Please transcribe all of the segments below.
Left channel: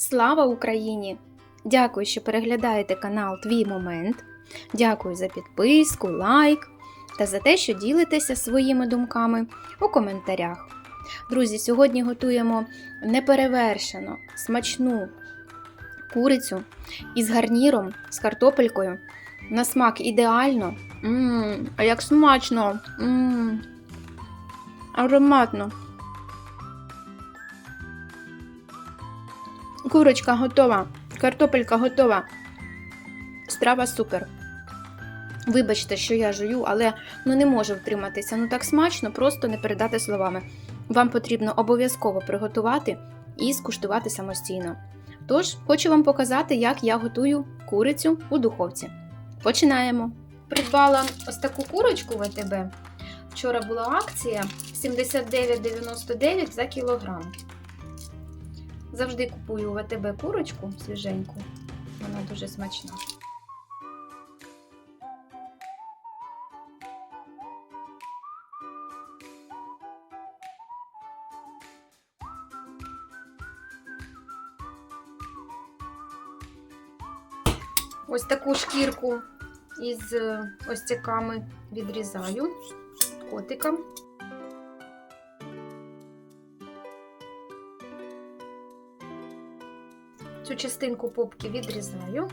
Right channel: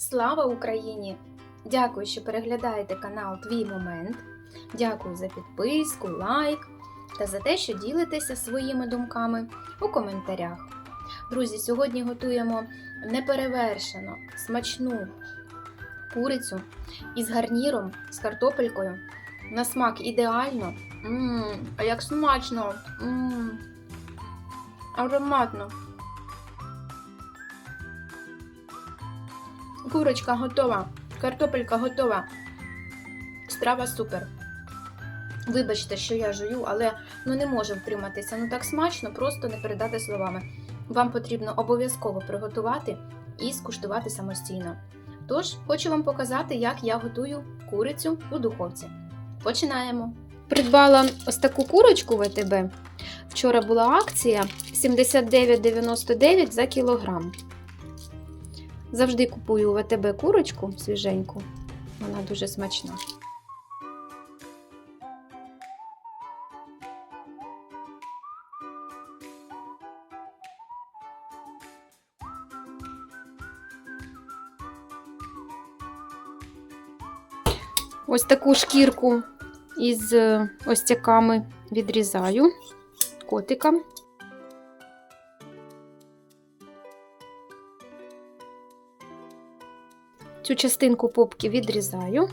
Слава Україні! Дякую, що переглядаєте канал Твій Момент. Дякую за підписку, лайк та за те, що ділитеся своїми думками у коментарях. Друзі, сьогодні готуємо неперевершено смачну курицю із гарніром, з картопелькою. На смак ідеально. Мм, а як смачно! Мм, ароматно. Курочка готова, картопелька готова. Страва супер. Вибачте, що я жую, але ну не можу втриматися. Ну так смачно, просто не передати словами. Вам потрібно обов'язково приготувати і скуштувати самостійно. Тож, хочу вам показати, як я готую курицю у духовці. Починаємо. Придбала ось таку курочку в АТБ. Вчора була акція 79,99 за кілограм. Завжди купую в АТБ курочку свіженьку. Вона дуже смачна. Ось таку шкірку із е, остяками відрізаю котикам. Цю частинку попки відрізаю.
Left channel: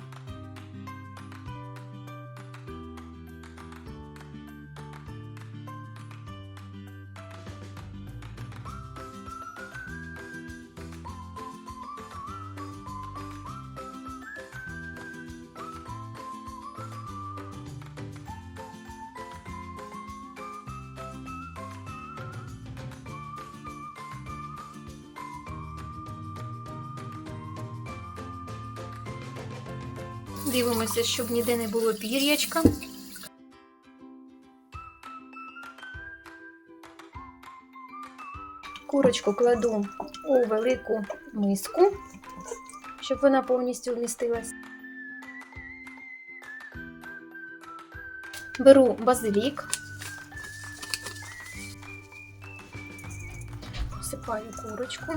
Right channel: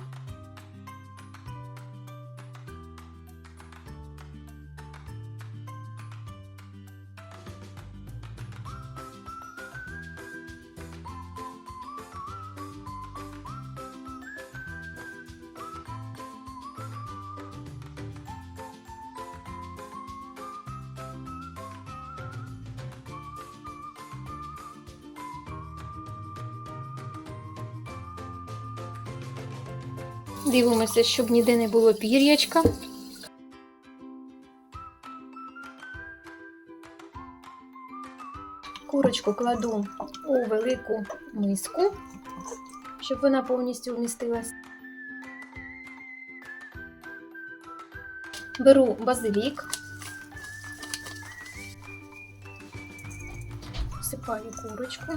Дивимося, щоб ніде не було пір'ячка. Курочку кладу у велику миску, щоб вона повністю вмістилась. Беру базилік, всипаю курочку.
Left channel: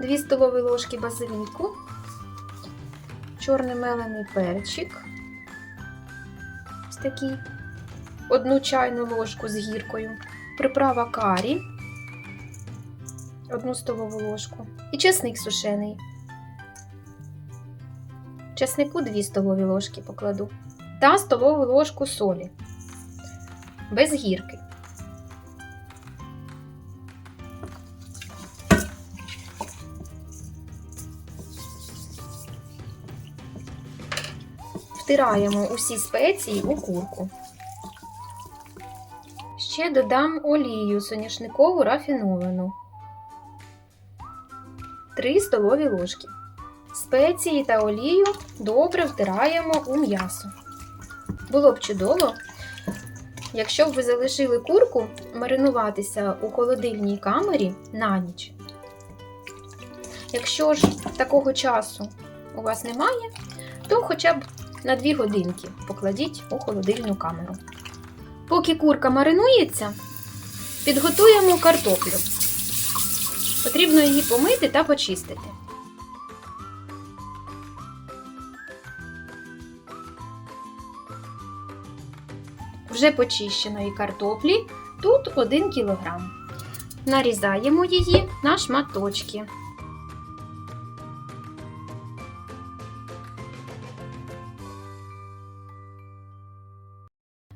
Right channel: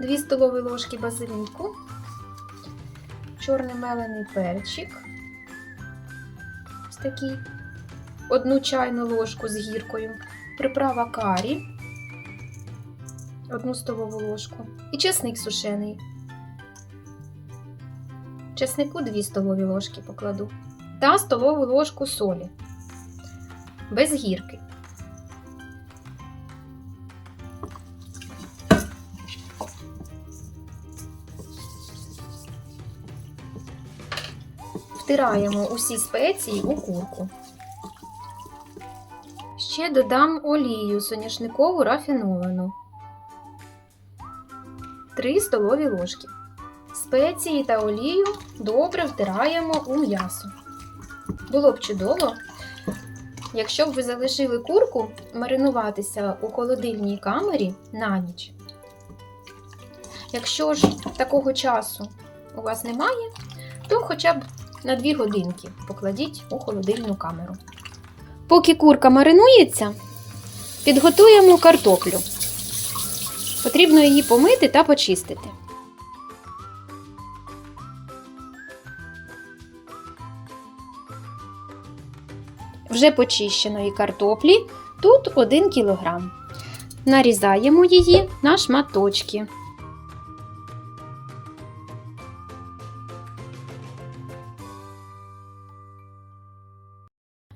Дві столові ложки базиліку, чорний мелений перчик, ось такий, одну чайну ложку з гіркою, приправа карі, одну столову ложку. І чесник сушений. Чеснику 2 столові ложки покладу. Та столову ложку солі. Без гірки. Втираємо усі спеції у курку. Ще додам олію соняшникову рафіновану. 3 столові ложки. Спеції та олію добре втираємо у м'ясо. Було б чудово, якщо б ви залишили курку маринуватися у холодильній камері на ніч. Якщо ж такого часу у вас немає, то хоча б на 2 годинки покладіть у холодильну камеру. Поки курка маринується, підготуємо картоплю. Потрібно її помити та почистити. Вже почищеної картоплі тут 1 кг. Нарізаємо її на шматочки.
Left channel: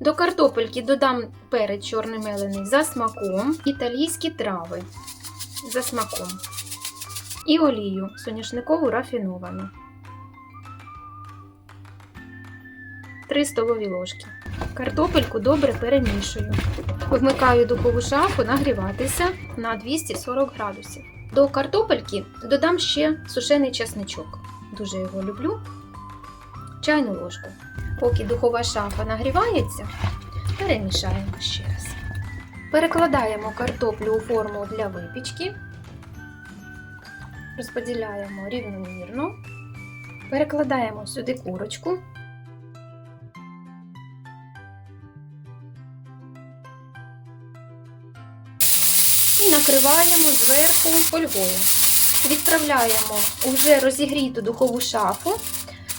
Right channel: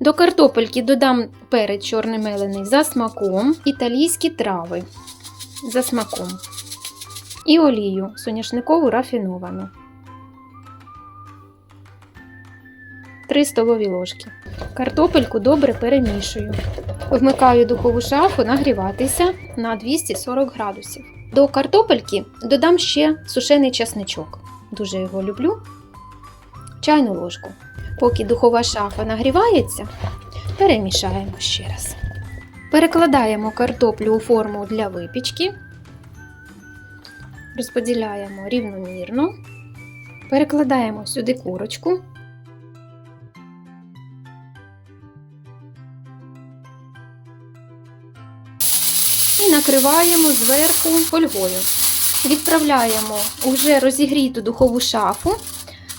До картопельки додам перець чорний мелений за смаком, італійські трави за смаком і олію соняшникову рафіновану. 3 столові ложки. Картопельку добре перемішую. Вмикаю духову шафу нагріватися на 240 градусів. До картопельки додам ще сушений часничок. Дуже його люблю. Чайну ложку. Поки духова шафа нагрівається, перемішаємо ще раз. Перекладаємо картоплю у форму для випічки, розподіляємо рівномірно, перекладаємо сюди курочку. І накриваємо зверху фольгою. Відправляємо уже розігріту духову шафу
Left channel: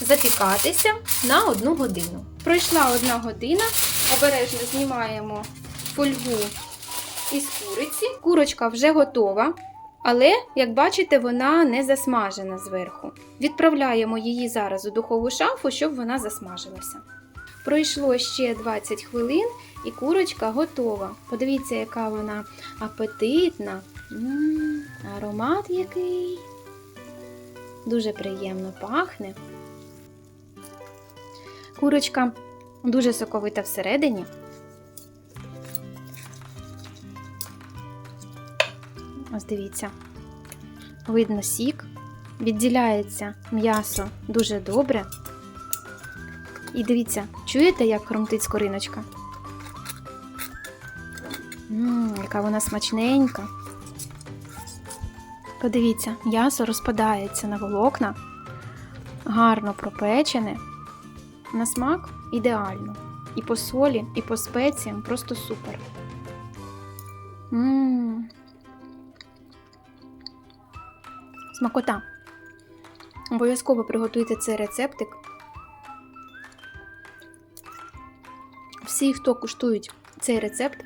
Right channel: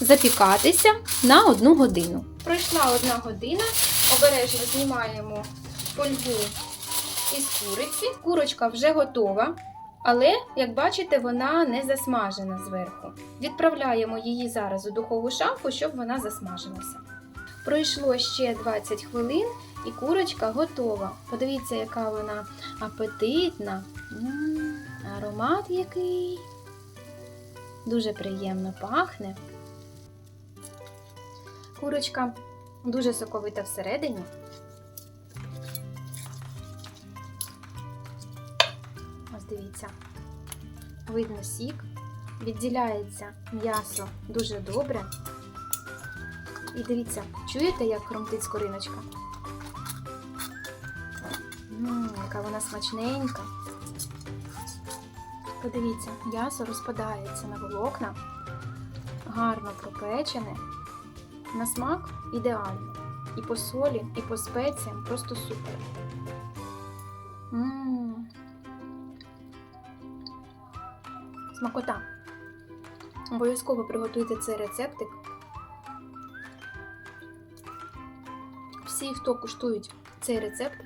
запікатися на одну годину. Пройшла одна година, обережно знімаємо фольгу із куриці. Курочка вже готова, але, як бачите, вона не засмажена зверху. Відправляємо її зараз у духову шафу, щоб вона засмажилася. Пройшло ще 20 хвилин і курочка готова. Подивіться, яка вона апетитна. М, аромат який. Дуже приємно пахне. Курочка дуже соковита всередині. Ось дивіться. Видно сік, відділяється м'ясо дуже добре. І дивіться, чуєте, як хрумтить скориночка? Ммм, яка вона смачненька. Подивіться, м'ясо розпадається на волокна, гарно пропечене. На смак ідеально. І по солі, і по спеціям просто супер. Ммм. Смакота. Обов'язково приготуйте цей рецептик. Всі, хто куштують цей рецепт,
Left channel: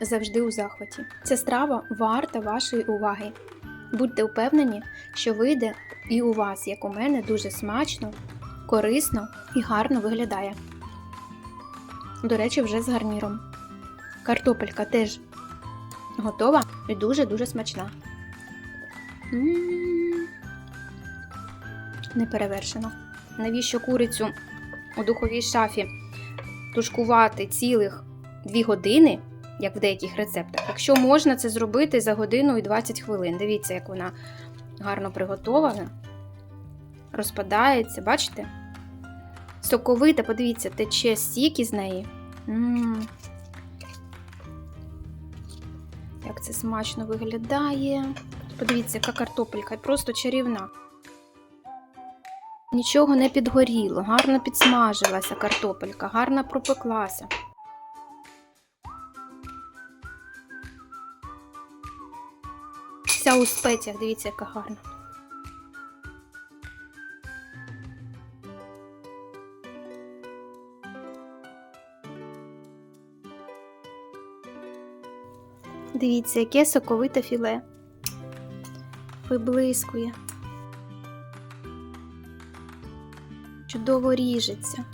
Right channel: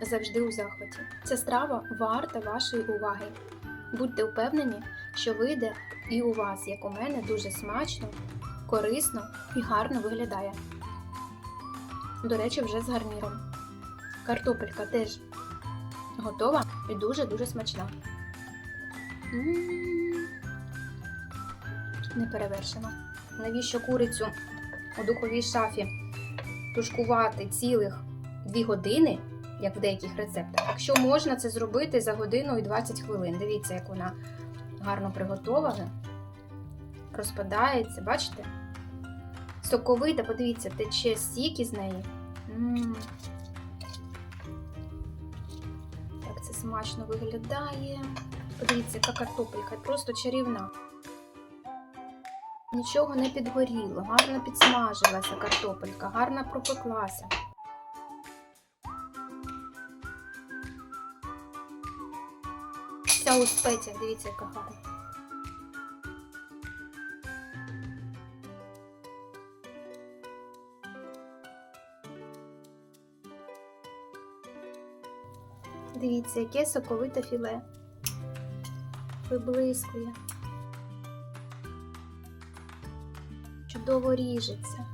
завжди у захваті. Ця страва варта вашої уваги. Будьте впевнені, що вийде і у вас, як у мене, дуже смачно, корисно і гарно виглядає. До речі, вже з гарніром. Картопелька теж готова і дуже-дуже смачна. М. Неперевершено. Навіщо курицю у духовій шафі тушкувати цілих 2 години, як в деяких рецептах, якщо можна це зробити за годину і 20 хвилин. Дивіться, як вона гарно приготована, розпадається, бачите? Соковита, подивіться, тече сік із неї. М. Як це смачно виглядає. Подивіться, яка картопелька, просто чарівна. Нічого не підгоріло, гарно підсмажилася картопелька, гарно пропеклася. Вся у спеціях, дивіться, яка гарна. Дивіться, яке соковите філе. Виблискує. Чудово ріжеться.